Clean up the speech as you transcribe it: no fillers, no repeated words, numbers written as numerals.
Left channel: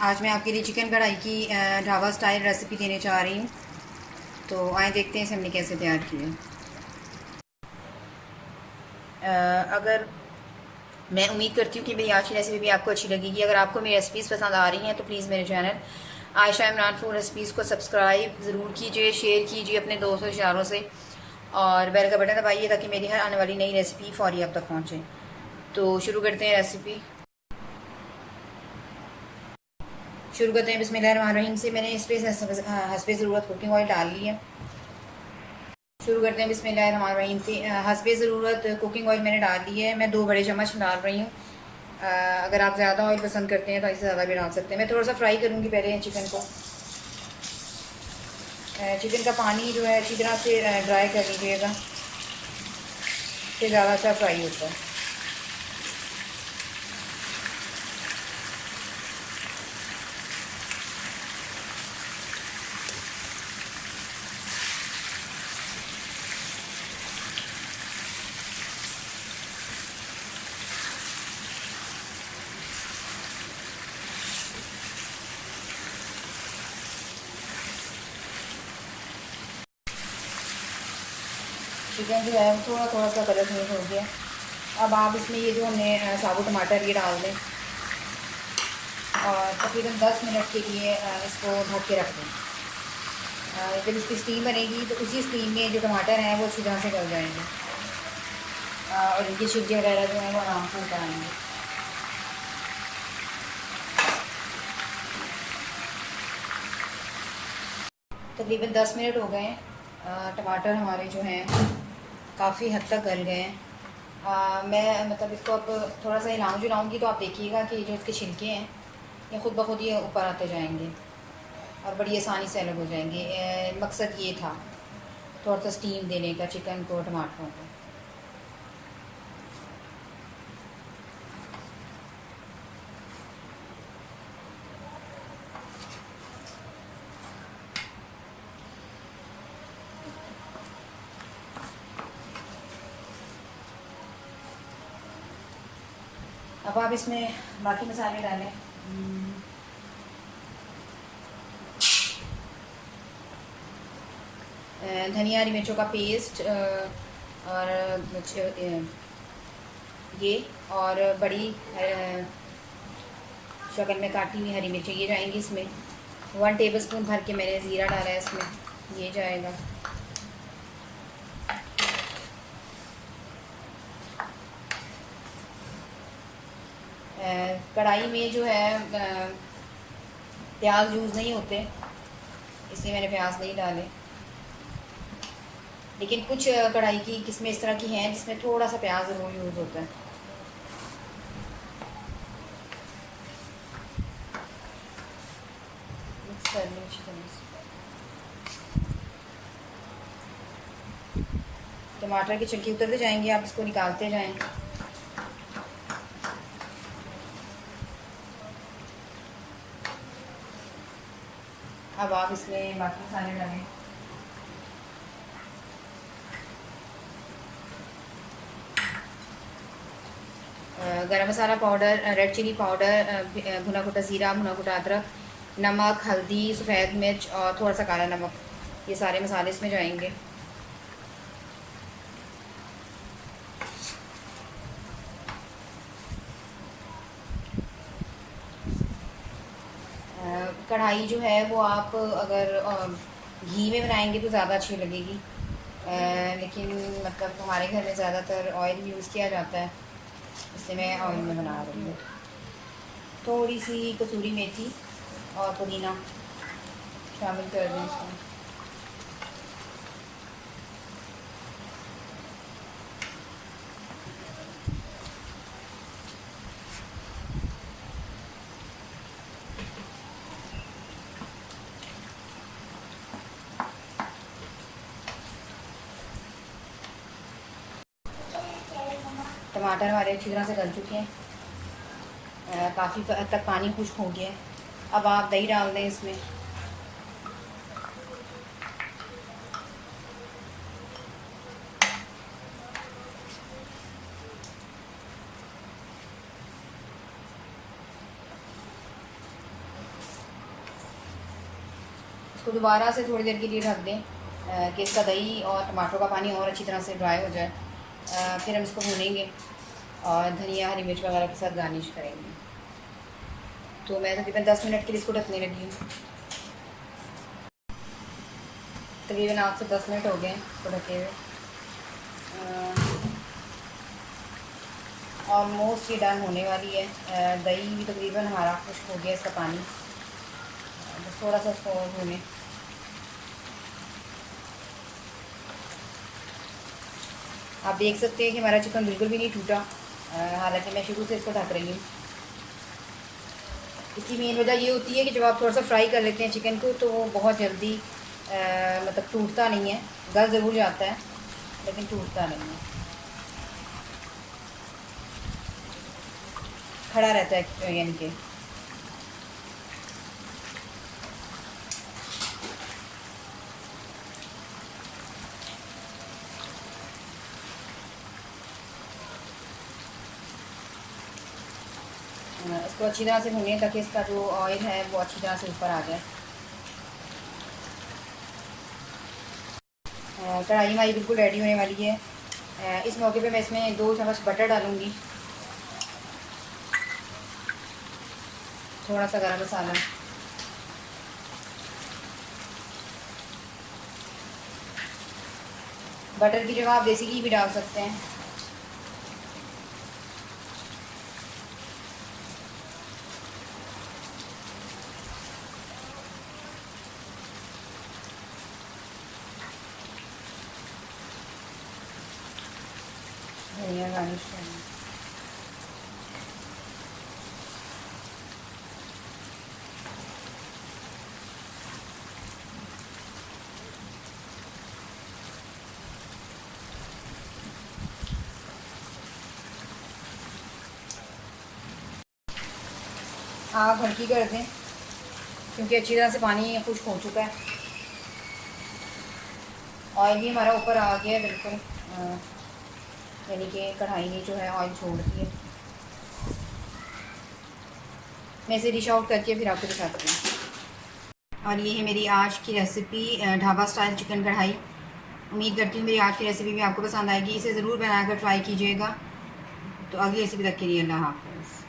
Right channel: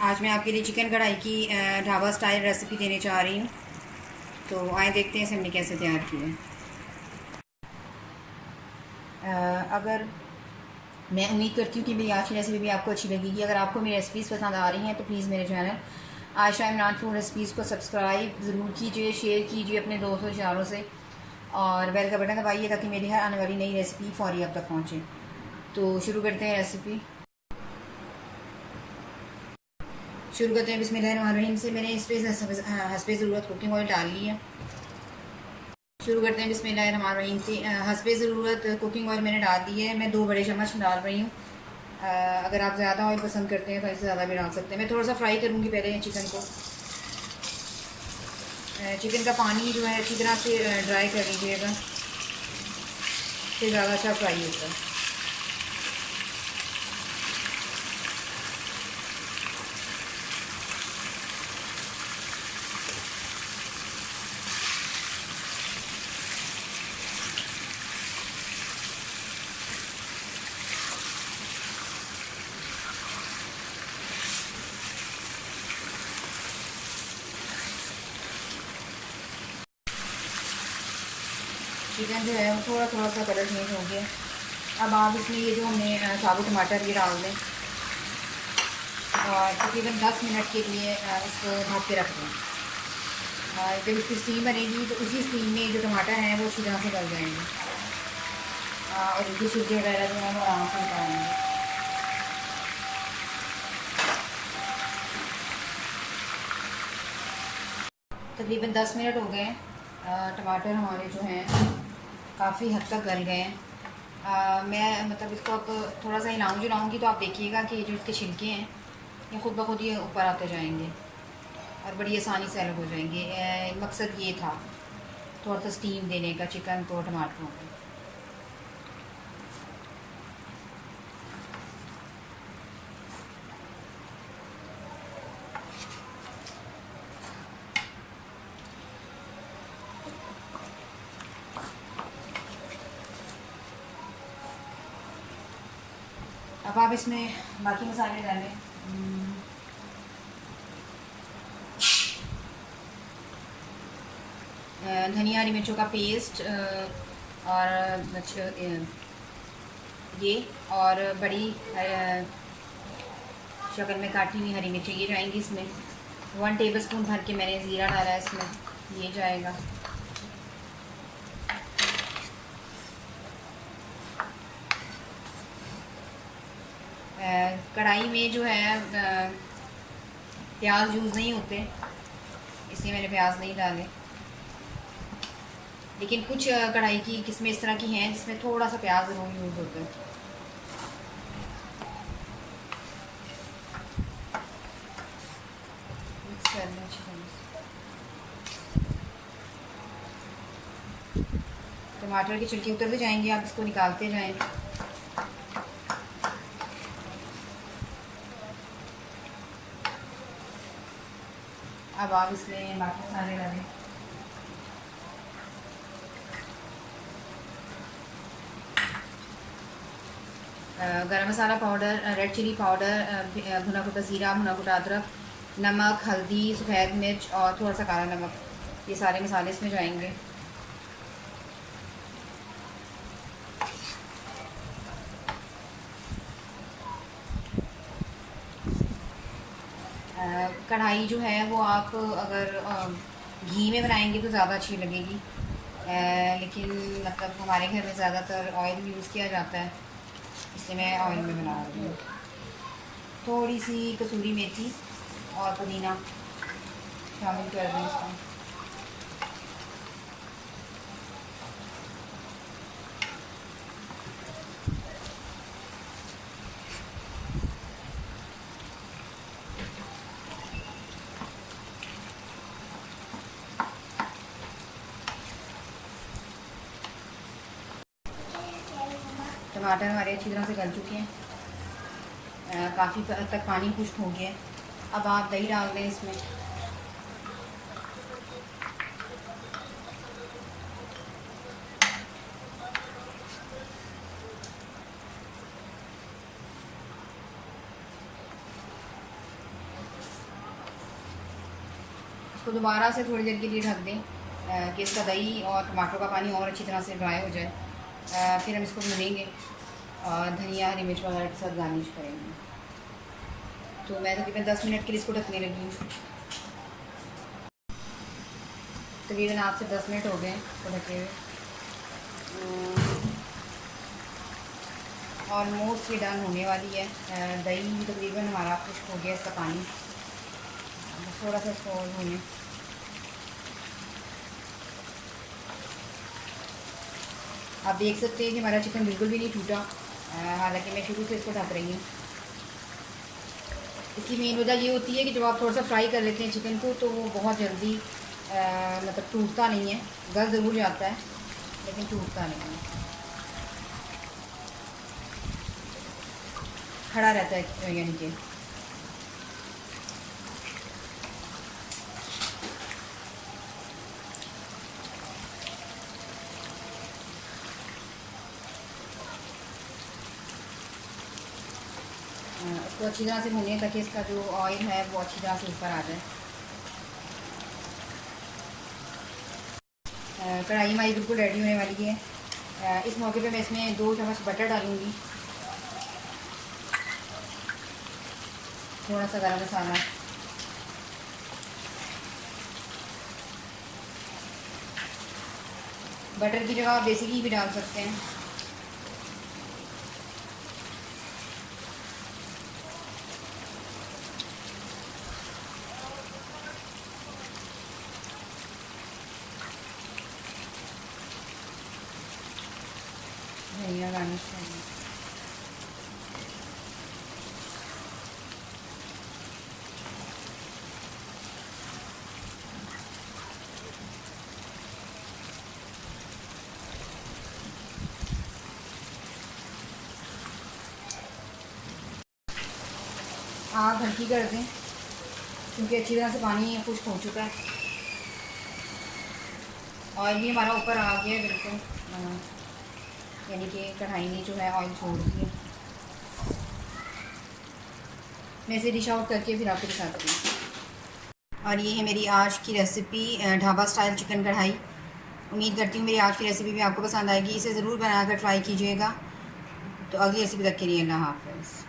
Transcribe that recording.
आज मैं आपके लिए चिकन कढ़ाई की ढाबा स्टाइल रेसिपी देने जा रही हूँ। तो आए देखते हैं इसे हमने कैसे तैयार किया है। अगर मैं उम्मीद करती हूँ कि मेरी आज की रेसिपी भी आपको अच्छी लगेगी। अगर आपको मेरी रेसिपीज़ पसंद आ रही हैं तो प्लीज़ मेरे channel Ayesha Imran food recipes को सब्सक्राइब ज़रूर कीजिए, शेयर कीजिए अपने दोस्तों रिश्तेदारों से, और बेल का बटन दबाइए ताकि मेरी हर आने वाली नई रेसिपी फ़ौरी आप तक पहुँचे। तो शुरू करते हैं रेसिपी। शुरू करते हैं बिस्मिल्लाहिर्रहमानिर्रहीम से। मैंने इस पर हस्बे ज़रूरत कुकिंग ऑयल डाल ली है। शुरू करते हैं बिस्मिल्लाहिर्रहमानिर्रहीम से। हस्बे ज़रूरत कुकिंग ऑयल मैंने डाल ली है। मैं 2 बड़े चम्मच डाल रही हूँ। अगर आप ज़्यादा ऑयल पसंद करते हैं तो इससे ज़्यादा भी डाल सकते हैं। मैं थोड़ा सा फ्राई करूँगी पहले चिकन को। चिकन का पानी जो है अच्छी तरह से ड्राई कर लीजिएगा, इससे ज़्यादा अच्छा फ्राई होता है। चिकन जो है वो थोड़ा थोड़ा सा कलर चेंज हो गया। अब आप इसमें ये जो हमने साबुत टमाटर ये डाल दें और तकरीबन 10 मिनट के लिए इसको ढक के रख दें। जब इसकी स्टीम बनेगी तो उसी स्टीम में जो टमाटर हैं वो अच्छी तरह से गल जाएंगे और इनकी छिलके वगैरह जो हैं वो आराम से निकालेंगे। तकरीबन 10 मिनट हो गए हैं। टमाटर हमारे जो हैं काफ़ी हद तक गल गए हैं। मैं मतलब इसको अब थोड़ा सा हिलाऊंगी तो आप देखिएगा कि जो इसके छिलके हैं ये खुद ब खुद ये ऊपर आते जाएंगे और बड़ी आसानी से अलग हो जाएंगे। मकसद ये था थोड़ा सा स्टीम देने का चिकन को, टमाटरों को। अब आप इसमें बाकी मसाले डालें। धनिया हरी मिर्चों का पेस्ट और ये और बड़ी शक्ल में काटी हुई हरी मिर्चें ये जाएंगी इसमें। 1 टेबलस्पून भर के मैंने ज़ीरा डाला है इसमें, ये जाएगा। कढ़ाई में जो है प्याज यूज़ नहीं होते, इसलिए मैंने प्याज नहीं डाले। लेकिन कुछ कढ़ाई की किस्में इस तरह की हैं जिसमें थोड़ा सा प्याज ज़रूर यूज़ होता है। मिक्स कर लूँ अच्छी तरह से। टमाटर की छिलके उतरते जाएंगे, आप इसको निकालते जाएं। अब आप इसमें बाकी मसाले डालें। गरम मसाला पाउडर, रेड चिली पाउडर, भुना कुटा ज़ीरा, भुना कुटा अदरक, नमक, हल्दी, सफ़ेद मिर्च और थोड़ा सा काला नमक, ये सारे मसाले इसमें जाएंगे। कढ़ाई जो है वो आप अगर घी में बनाएंगे तो ज़्यादा अच्छी लगेगी, लेकिन मतलब हमारे घर में ज़्यादातर ऑयल यूज़ किया जाता है, इसलिए मैं ऑयल में बना रही हूँ। थोड़ी सी कसूरी मेथी और पुदीना शामिल कर दें इसमें। टमाटर हमारे अच्छी तरह से गल चुके हैं, काफ़ी हद तक पानी खुश्क हो गया है। अब आप दही डाल दें इसमें। इसको दोबारा से थोड़ी देर के लिए ढक दें कि इसका दही और टमाटर का पानी और अच्छी तरह से ड्राई हो जाए। फिर हम इसको भूनेंगे और धनिया हरी मिर्च वगैरह के साथ गार्निश करेंगे। तो मैं तकरीबन 10 मिनट के लिए इसको ढकने लगी हूँ। तकरीबन 8 से 10 मिनट हो गए इसको ढके हुए। ऑलमोस्ट ये डन होने वाली है। दही भी तकरीबन हमारा खुश्क हो गया, इसका पानी बस थोड़ा सा इसको और भूनें। आप देख सकते हैं कि हमारा चिकन बिल्कुल भी नहीं टूटा, हालांकि मैं शुरू से इसको ढक रही हूँ। इसकी मेन वजह ये होती है कि जब आप थोड़ा सा फ्राई कर लेते हैं चिकन को तो वो बहुत जल्दी मतलब टूटता नहीं है। गल ज़रूर जाता है लेकिन टूटता नहीं है, खड़ा रहता है यानी कि। इसको अच्छी तरह से भूनें ताकि इसका जो ऑयल है वो अच्छी तरह से ऊपर आ जाए। कढ़ाई हमारी बिल्कुल रेडी होने वाली है। इस मौके पे मैं इसमें 2 चम्मच बटर डालूँगी, थोड़ा सा गरम मसाला, बटर की जगह आप देसी घी भी डाल सकते हैं। धनिया गार्निश करेंगे। आग हल्की कर दें क्योंकि अच्छी तरह से पानी खुश्क हो चुका है। ऑयल भी हमारा ऊपर आ गया है बिल्कुल, यानी कि कढ़ाई ने जो है ऑयल छोड़ दिया। मैं इसे डिश आउट करके फिर आपको दिखाती हूँ। और ये है मेरी आज की रेसिपी, ढाबा स्टाइल चिकन कढ़ाई। उम्मीद करती हूँ मेरी आज की रेसिपी भी आपको पसंद आएगी। इसे ज़रूर बनाकर ट्राई कीजिएगा। तो अगली रेसिपी तक के लिए अल्लाह हाफ़िज़।